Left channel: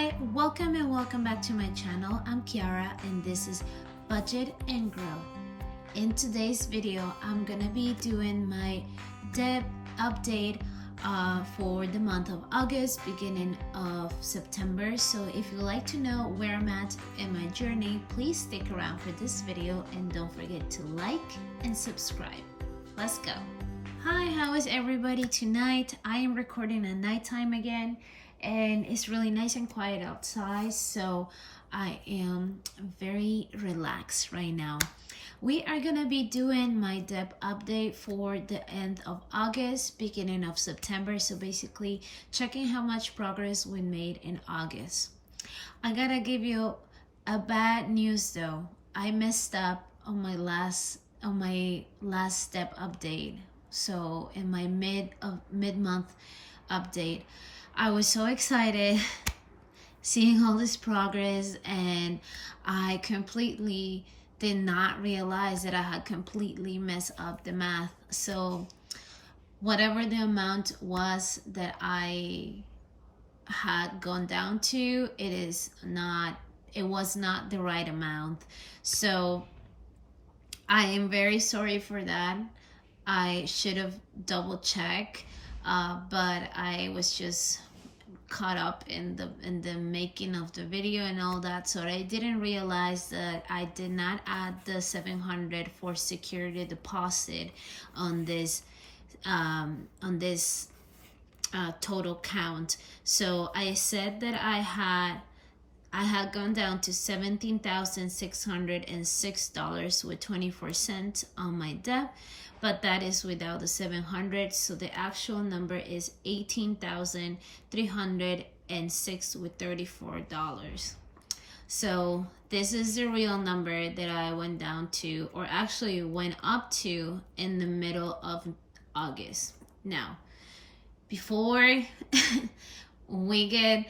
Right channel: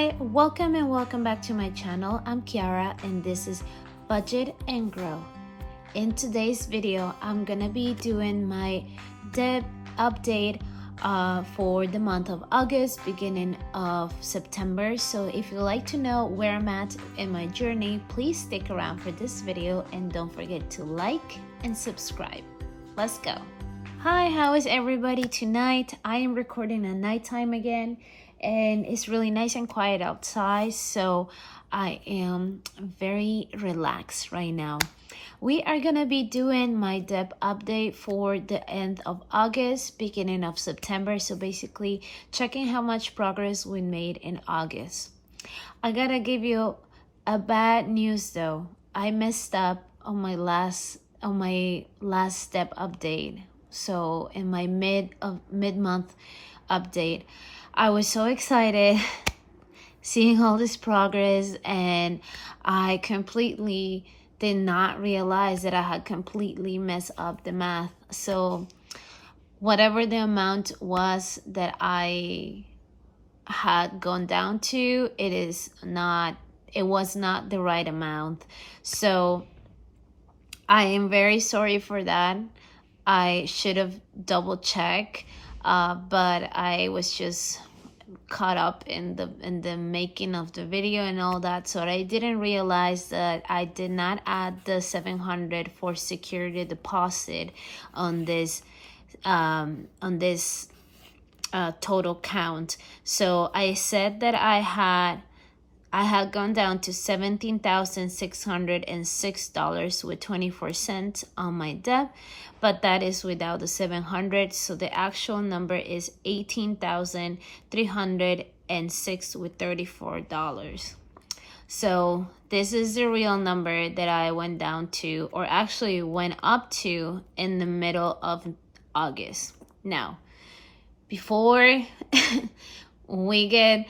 Hi, welcome and welcome back to my channel. I'm Kiara and this is Budget and Grow. In today's video, I'm gonna be doing my debt update for the month of August, beginning of September. So if you'd like to know where I'm at in my journey, please stick around for this video and don't forget to like and subscribe. Let's go. Hi, how is everybody tonight? I am recording at nighttime again and it's really nice and quiet outside, so I am very relaxed right now. We are gonna be doing my debt update for the end of August, beginning of September. So basically checking how much progress we made in August. I gotta give you a bad news though. I messed up on my last step update. So in my mid-month update, I was so excited seeing all this progress, and I completely did not realize that I had completely messed up the math. So whatever the amount was that I had gone down to, it was not the right amount. So I am very sorry for that. I should have double checked, but I was just caught up in the making of the video and all that, so I didn't realize that I did not add the $700 for security deposit on this total count. So I said that I had gone down to $17,606 with 24 cents on my debt, but that is without the 700. So the actual number is $18,306 with $34. So this is the real number that I went down to, or actually went up to, in the middle of August. Now, before we get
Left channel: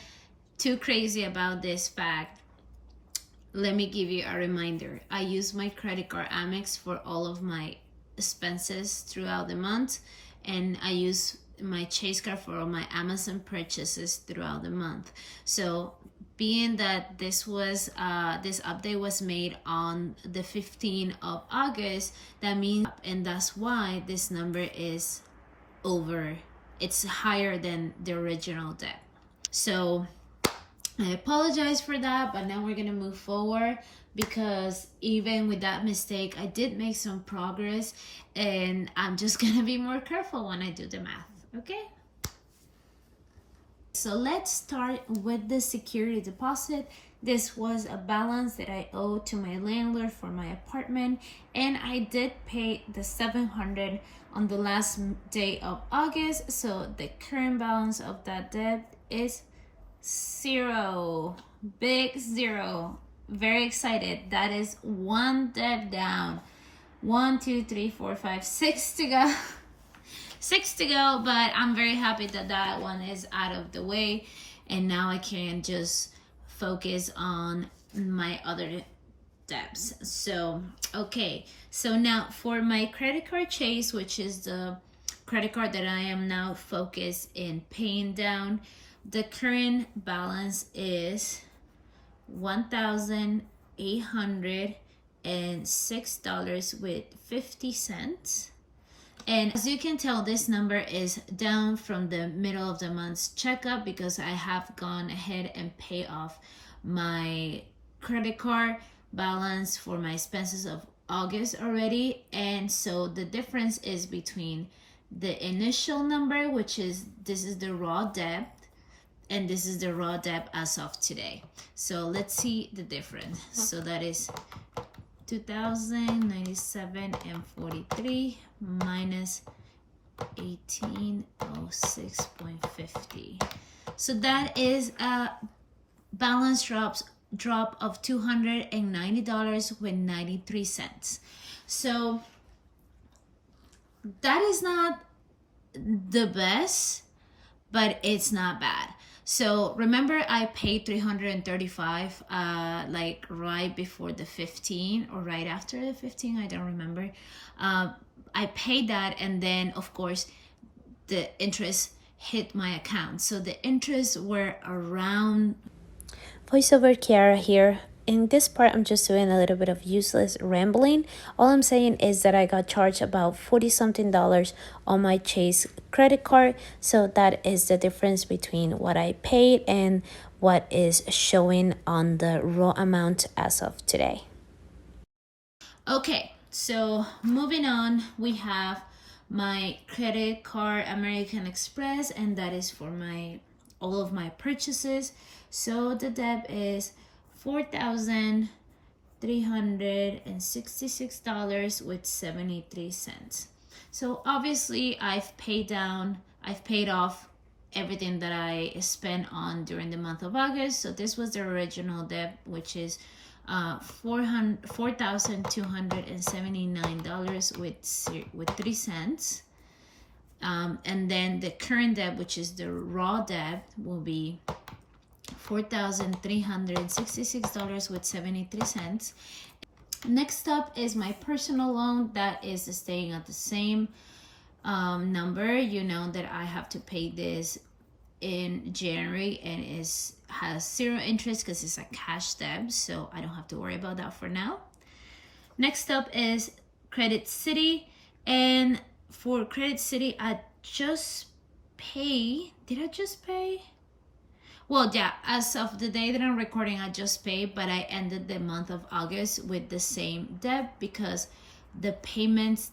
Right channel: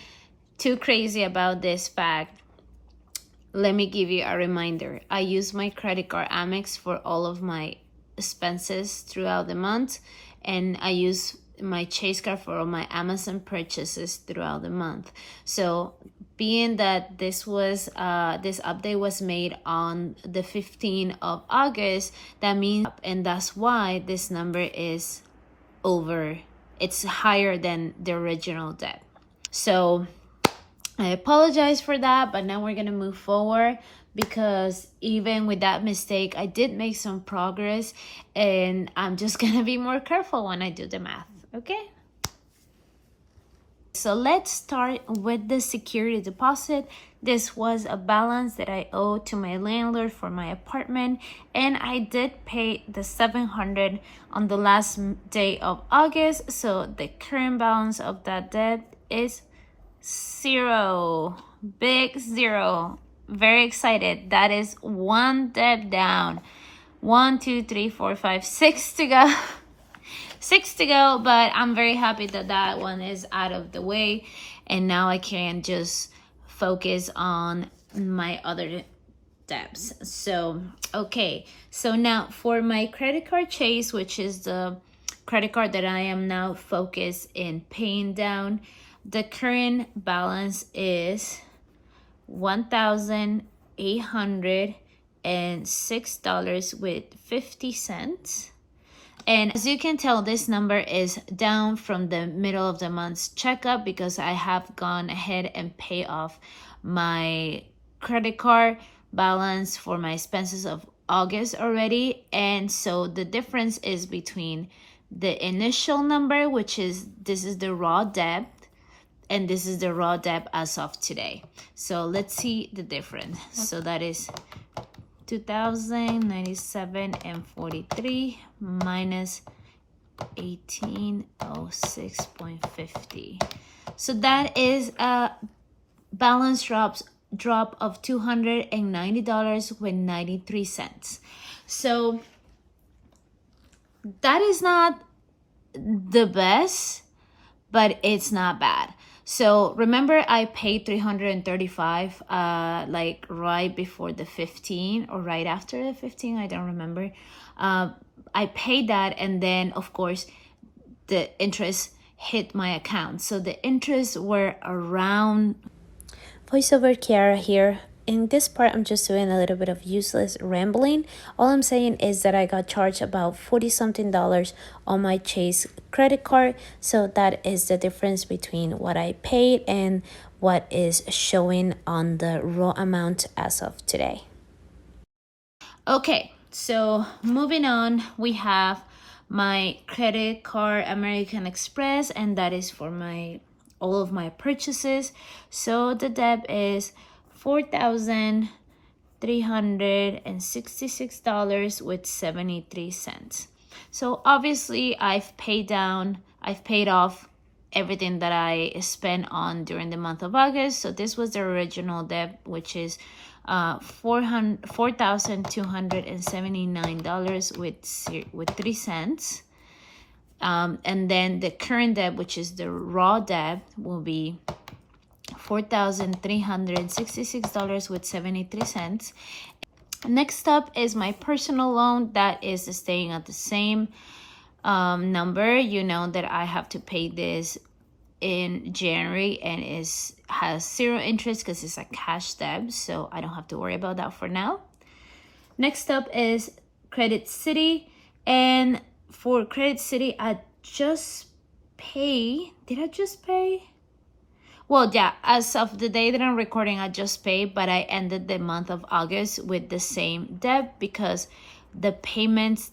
too crazy about this fact, let me give you a reminder. I use my credit card Amex for all of my expenses throughout the month, and I use my Chase card for all my Amazon purchases throughout the month. So being that this update was made on the 15th of August, that means, and that's why this number is it's higher than the original debt. So I apologize for that, but now we're gonna move forward, because even with that mistake, I did make some progress, and I'm just gonna be more careful when I do the math, okay? So let's start with the security deposit. This was a balance that I owed to my landlord for my apartment, and I did pay the $700 on the last day of August. So the current balance of that debt is zero, big zero. Very excited. That is one debt down. 1, 2, 3, 4, 5, 6 to go. 6 to go, but I'm very happy that that one is out of the way, and now I can just focus on my other debts. So okay, so now for my credit card Chase, which is the credit card that I am now focused in paying down, the current balance is $1,806 with 50 cents. And as you can tell, this number is down from the middle of the month's checkup, because I have gone ahead and paid off my credit card balance for my expenses of August already. And so the difference is between the initial number, which is, this is the raw debt, and this is the raw debt as of today. So let's see the difference. So that is 2,097.43 minus 1,806.50. So that is a balance drop of $290 with 93 cents. So that is not the best, but it's not bad. So remember, I paid $335 like right before the 15 or right after the 15, I don't remember. I paid that, and then of course the interest hit my account. So the interests were around Voiceover Kiara here. In this part, I'm just doing a little bit of useless rambling. All I'm saying is that I got charged about $40-something on my Chase credit card. So that is the difference between what I paid and what is showing on the raw amount as of today. Okay, so moving on, we have my credit card, American Express, and that is for all of my purchases. So the debt is $4,366 with 73 cents. So obviously I've paid off everything that I spent on during the month of August. So this was the original debt, which is $4,279 with 3 cents. And then the current debt, which is the raw debt, will be $4,366 with 73 cents. Next up is my personal loan that is staying at the same number. You know that I have to pay this in January and has 0 interest because it's a cash debt, so I don't have to worry about that for now. Next up is Credit City, and for Credit City I just pay. Did I just pay? Well, yeah, as of the day that I'm recording, I just paid, but I ended the month of August with the same debt because the payments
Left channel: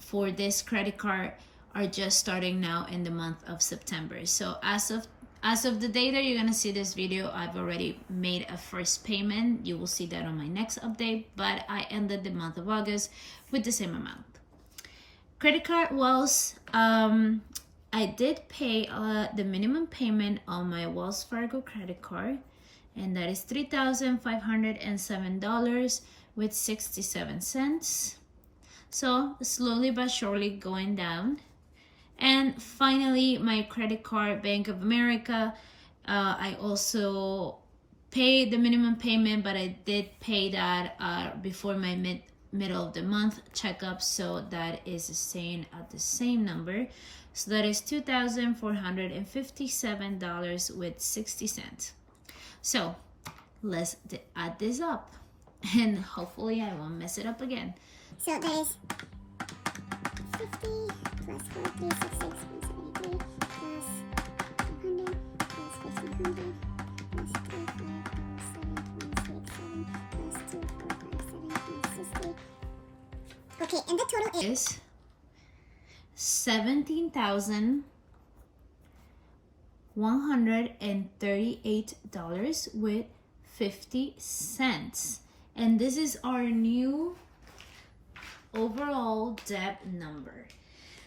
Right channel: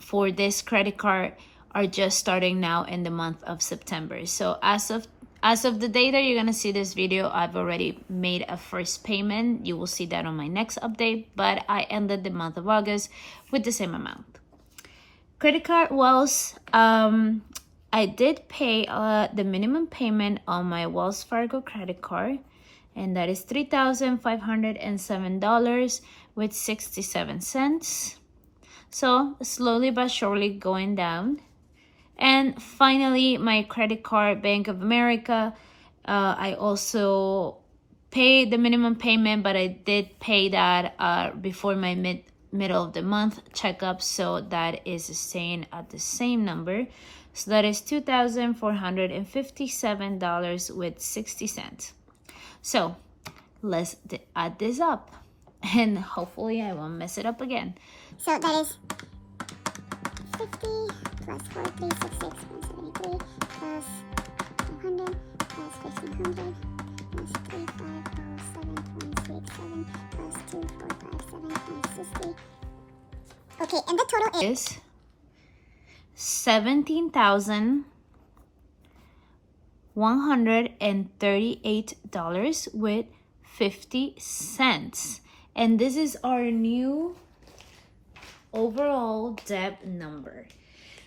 for this credit card are just starting now in the month of September. So as of the day that you're gonna see this video, I've already made a first payment. You will see that on my next update, but I ended the month of August with the same amount. Credit card Wells, I did pay the minimum payment on my Wells Fargo credit card, and that is $3,507 with 67 cents. So slowly but surely going down. And finally, my credit card, Bank of America, I also paid the minimum payment, but I did pay that before my middle of the month checkup, so that is staying at the same number. So that is $2,457 with 60 cents. So let's add this up, and hopefully I won't mess it up again. So that is 50 plus 4366 173 plus 100 plus 1500 plus 3507.67 plus 2457.60. Okay, and the total is $17,138 with 50 cents. And this is our new overall debt number.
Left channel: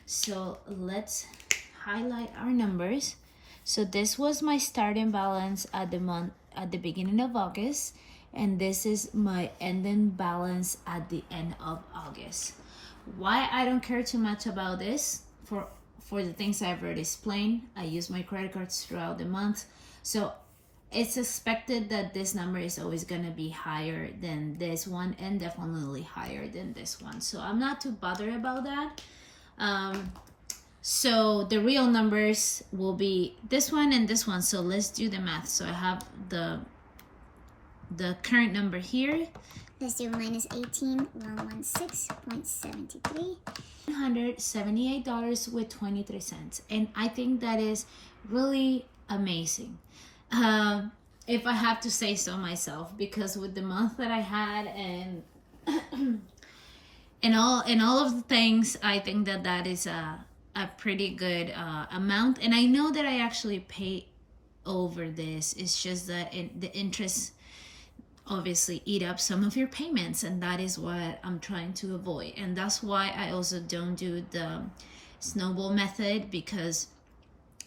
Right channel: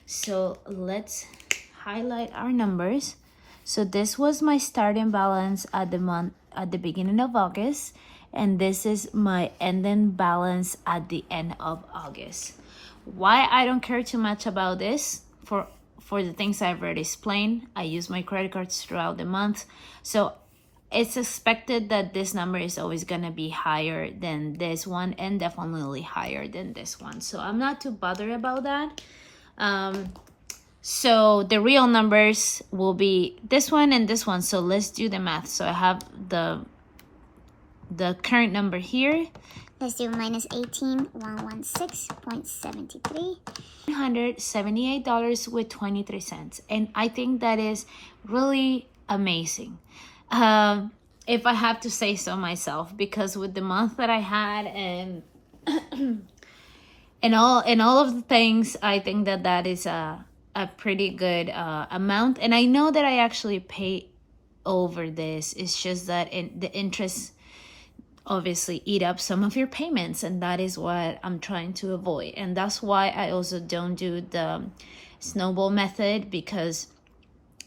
So let's highlight our numbers. So this was my starting balance at the beginning of August, and this is my ending balance at the end of August. Why I don't care too much about this, for the things I've already explained. I use my credit cards throughout the month, so it's expected that this number is always gonna be higher than this one, and definitely higher than this one. So I'm not too bothered about that. So the real numbers will be this one and this one. So let's do the math. So I have the current number here. Let's do minus 18,116.73. $178 with 23 cents. And I think that is really amazing. If I have to say so myself, because with the month that I had and all of the things, I think that is a pretty good amount. And I know that I actually pay over this. It's just that the interest obviously eat up some of your payments, and that is what I'm trying to avoid. And that's why I also don't do the snowball method, because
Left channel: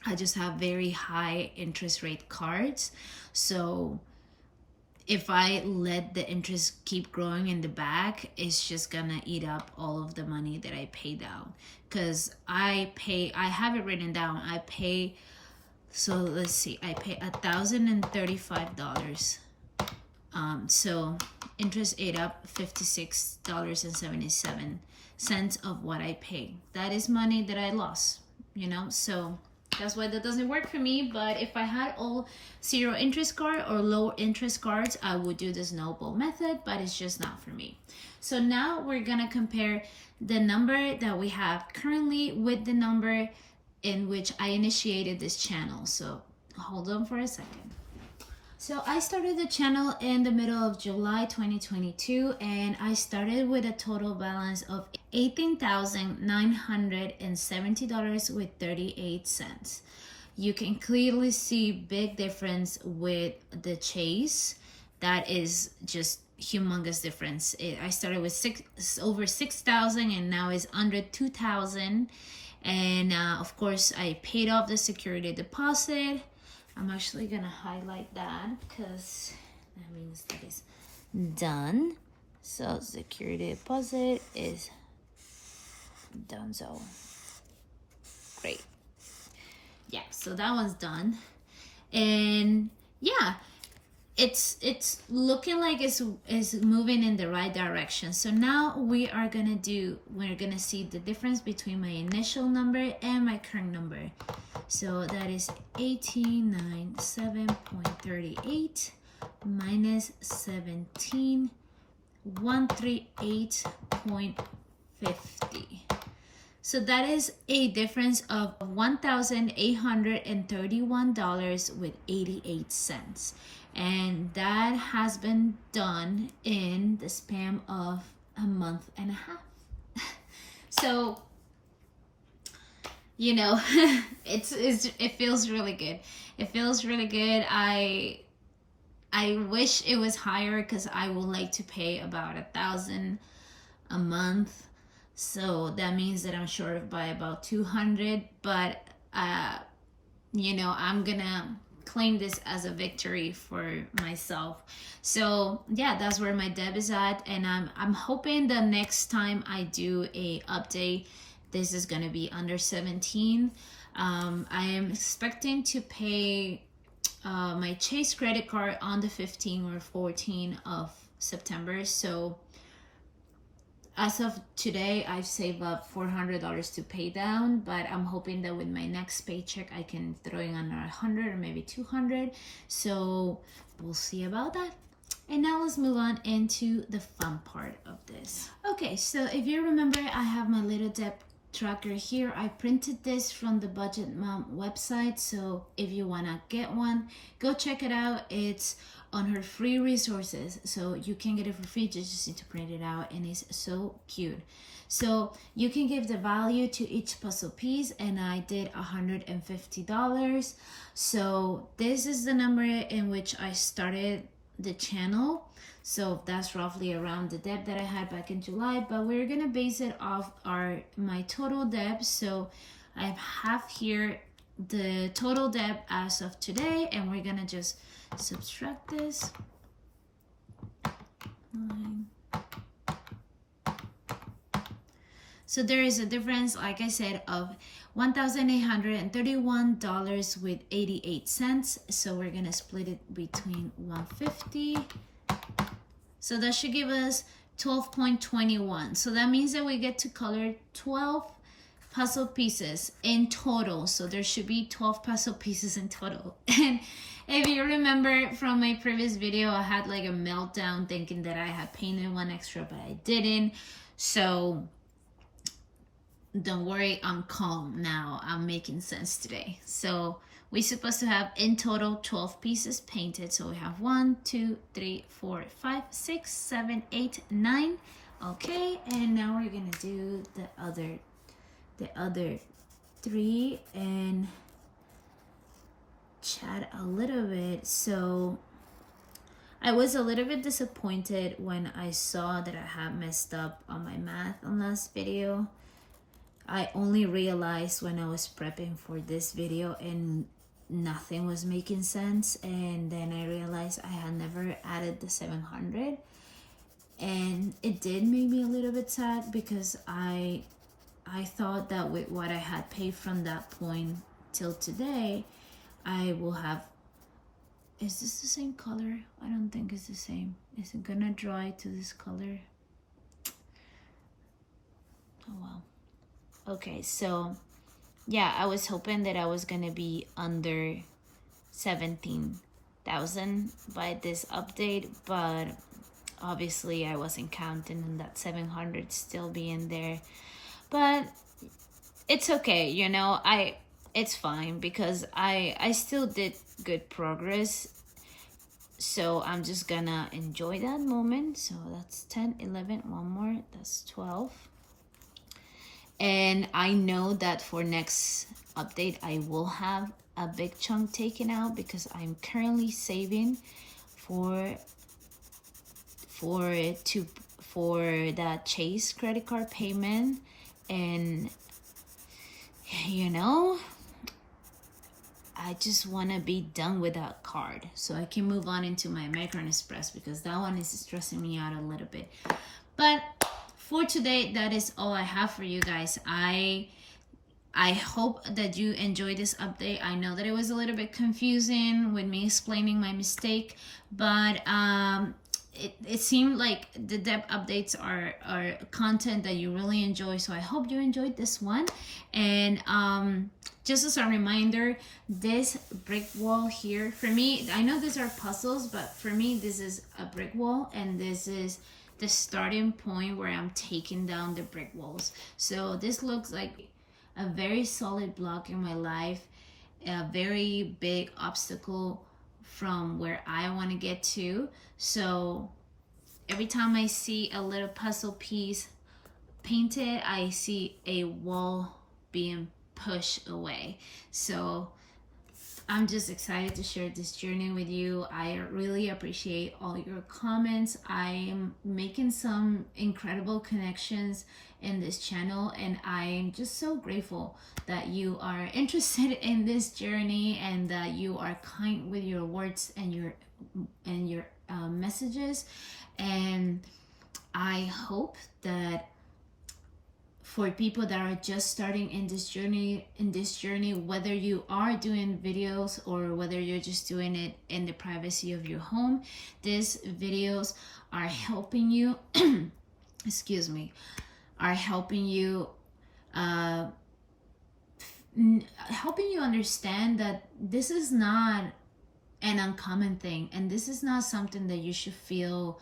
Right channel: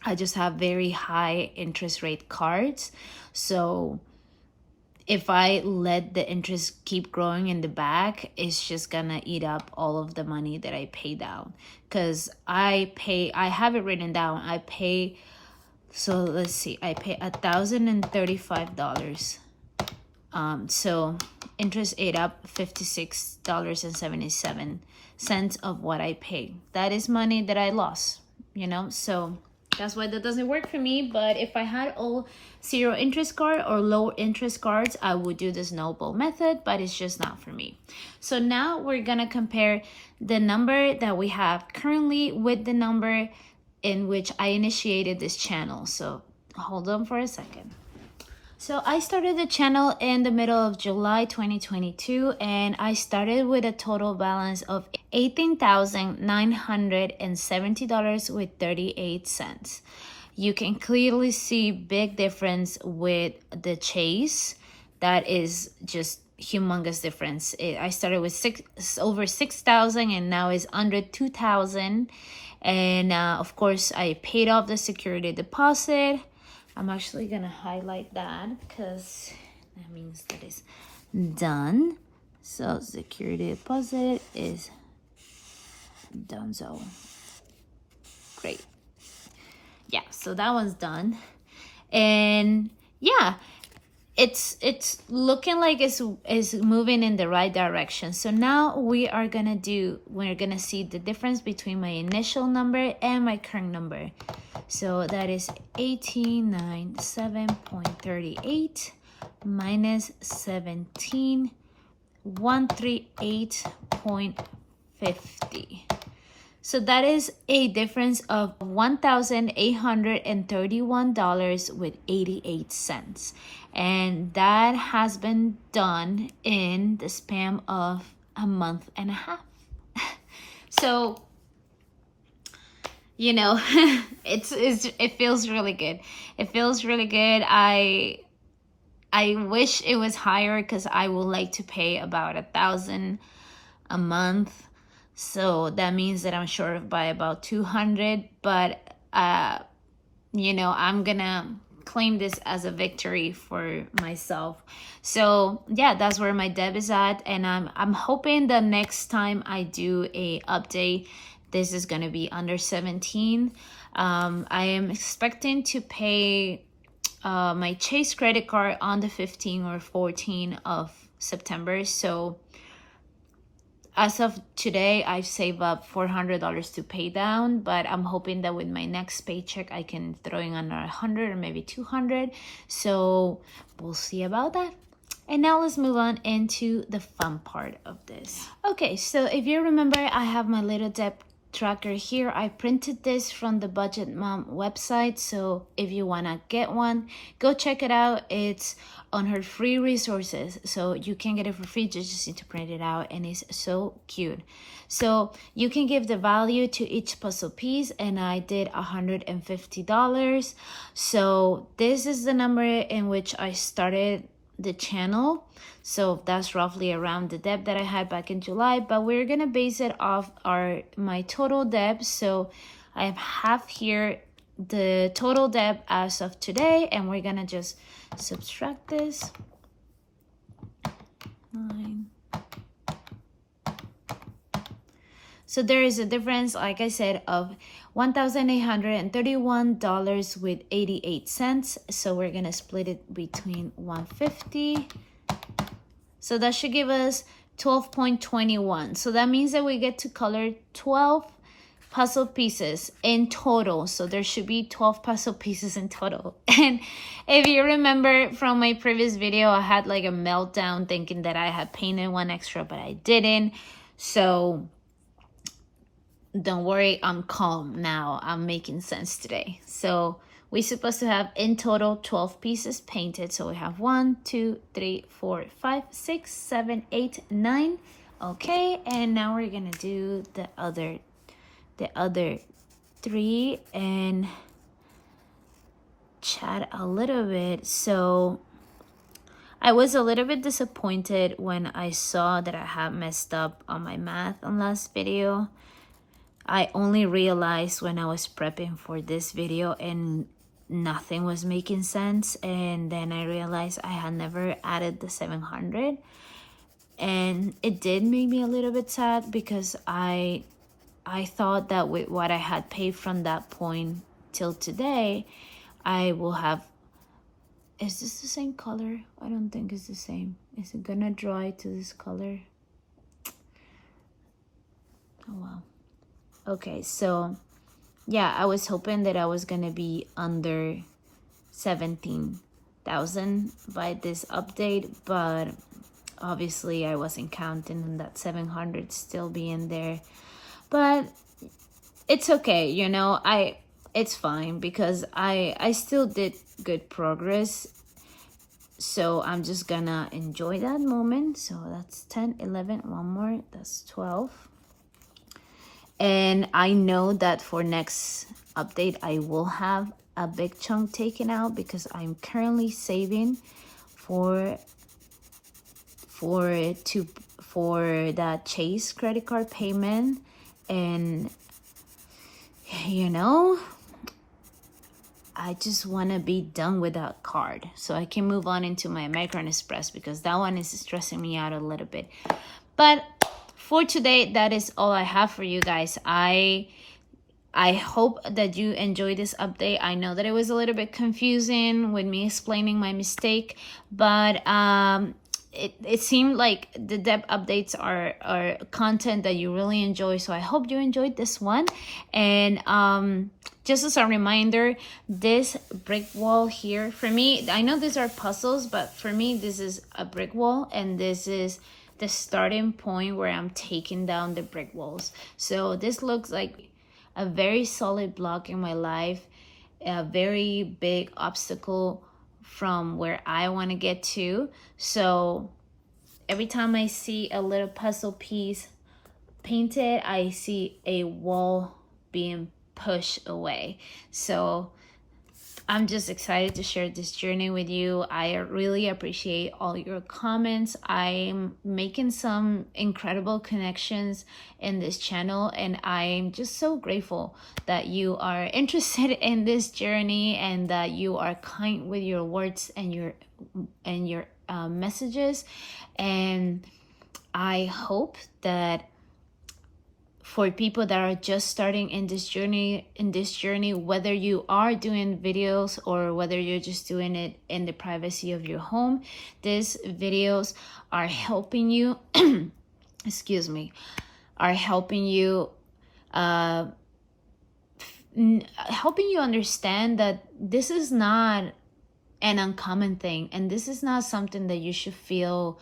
I just have very high interest rate cards. So if I let the interest keep growing in the back, it's just gonna eat up all of the money that I pay down. Because I have it written down, I pay, so let's see, I pay $1,035. So interest ate up $56.77 of what I paid. That is money that I lost, you know. So That's why that doesn't work for me. But if I had all zero interest card or low interest cards, I would do the snowball method, but it's just not for me. So now we're gonna compare the number that we have currently with the number in which I initiated this channel. So hold on for a second. So I started the channel in the middle of July 2022, and I started with a total balance of $18,970 with 38 cents. You can clearly see big difference with the chase. That is just humongous difference. I started with over 6,000 and now is under 2,000. And of course I paid off the security deposit. I'm actually gonna highlight that because that means that it's done. So security deposit is done. So great. Yeah, so that one's done. And yeah, it's looking like it's moving in the right direction. So now we're gonna see the difference between my initial number and my current number. So that is 1897.38 minus 17,138.50. So that is a difference of $1,831 with 88 cents. And that has been done in the span of a month and a half. So, you know, it feels really good. It feels really good. I wish it was higher because I would like to pay about $1,000 a month. So that means that I'm short by about 200, but you know, I'm gonna claim this as a victory for myself. So yeah, that's where my debt is at, and I'm hoping the next time I do a update, this is gonna be under 17. I am expecting to pay my Chase credit card on the 15 or 14 of September. So as of today, I've saved up $400 to pay down, but I'm hoping that with my next paycheck, I can throw in another 100 or maybe 200. So we'll see about that. And now let's move on into the fun part of this. Okay, so if you remember, I have my little debt tracker here. I printed this from the Budget Mom website. So if you wanna get one, go check it out. It's on her free resources, so you can get it for free. Just need to print it out, and it's so cute. So you can give the value to each puzzle piece, and I did $150. So this is the number in which I started the channel. So that's roughly around the debt that I had back in July, but we're gonna base it off my total debt. So I have here the total debt as of today, and we're gonna just subtract this. 9. So there is a difference, like I said, of $1,831 with 88 cents. So we're gonna split it between 150. So that should give us 12.21. So that means that we get to color 12 puzzle pieces in total. So there should be 12 puzzle pieces in total. And if you remember from my previous video, I had like a meltdown thinking that I had painted one extra, but I didn't. So don't worry, I'm calm now. I'm making sense today. So we're supposed to have in total 12 pieces painted. So we have 1, 2, 3, 4, 5, 6, 7, 8, 9. Okay, and now we're gonna do the other 3 and chat a little bit. So I was a little bit disappointed when I saw that I had messed up on my math on last video. I only realized when I was prepping for this video and nothing was making sense, and then I realized I had never added the 700, and it did make me a little bit sad because I thought that with what I had paid from that point till today, I will have... Is this the same color? I don't think it's the same. Is it gonna dry to this color? Oh well. Okay, so yeah, I was hoping that I was gonna be under 17,000 by this update, but obviously I wasn't counting on that 700 still being there. But it's okay, you know, it's fine because I still did good progress. So I'm just gonna enjoy that moment. So that's 10, 11, one more, that's 12. And I know that for next update, I will have a big chunk taken out because I'm currently saving for that Chase credit card payment. And you know, I just want to be done with that card so I can move on into my American Express because that one is stressing me out a little bit. But for today, that is all I have for you guys. I hope that you enjoyed this update. I know that it was a little bit confusing with me explaining my mistake, but it seemed like the debt updates are content that you really enjoy. So I hope you enjoyed this one. And just as a reminder, this brick wall here, for me, I know these are puzzles, but for me, this is a brick wall, and this is the starting point where I'm taking down the brick walls. So this looks like a very solid block in my life, a very big obstacle from where I want to get to. So every time I see a little puzzle piece painted, I see a wall being pushed away. So I'm just excited to share this journey with you. I really appreciate all your comments. I'm making some incredible connections in this channel, and I'm just so grateful that you are interested in this journey and that you are kind with your words and your messages. And I hope that for people that are just starting in this journey, whether you are doing videos or whether you're just doing it in the privacy of your home, these videos are helping you excuse me, are helping you helping you understand that this is not an uncommon thing, and this is not something that you should feel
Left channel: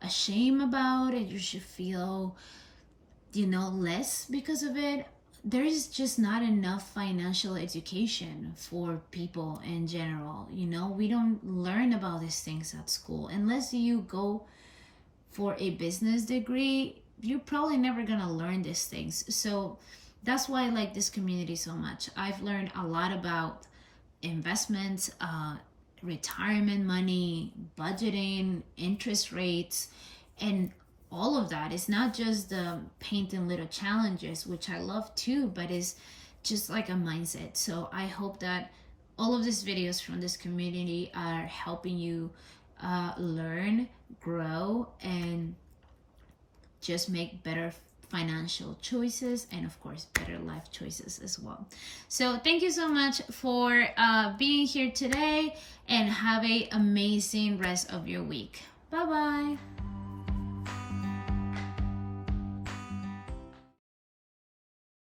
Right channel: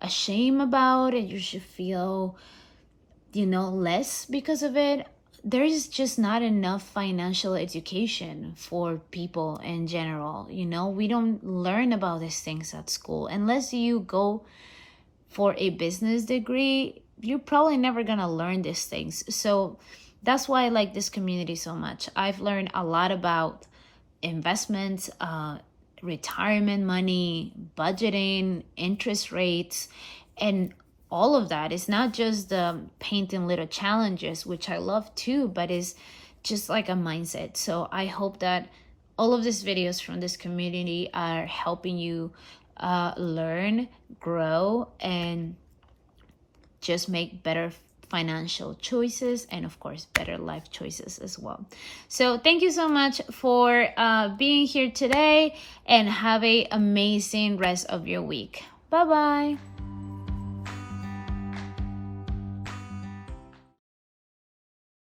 ashamed about, and you should feel, you know, less because of it. There is just not enough financial education for people in general. You know, we don't learn about these things at school. Unless you go for a business degree, you're probably never gonna learn these things. So that's why I like this community so much. I've learned a lot about investments, retirement money, budgeting, interest rates, and all of that. Is not just the painting little challenges, which I love too, but is just like a mindset. So I hope that all of these videos from this community are helping you learn, grow, and just make better financial choices, and of course better life choices as well. So thank you so much for being here today, and have an amazing rest of your week. Bye bye.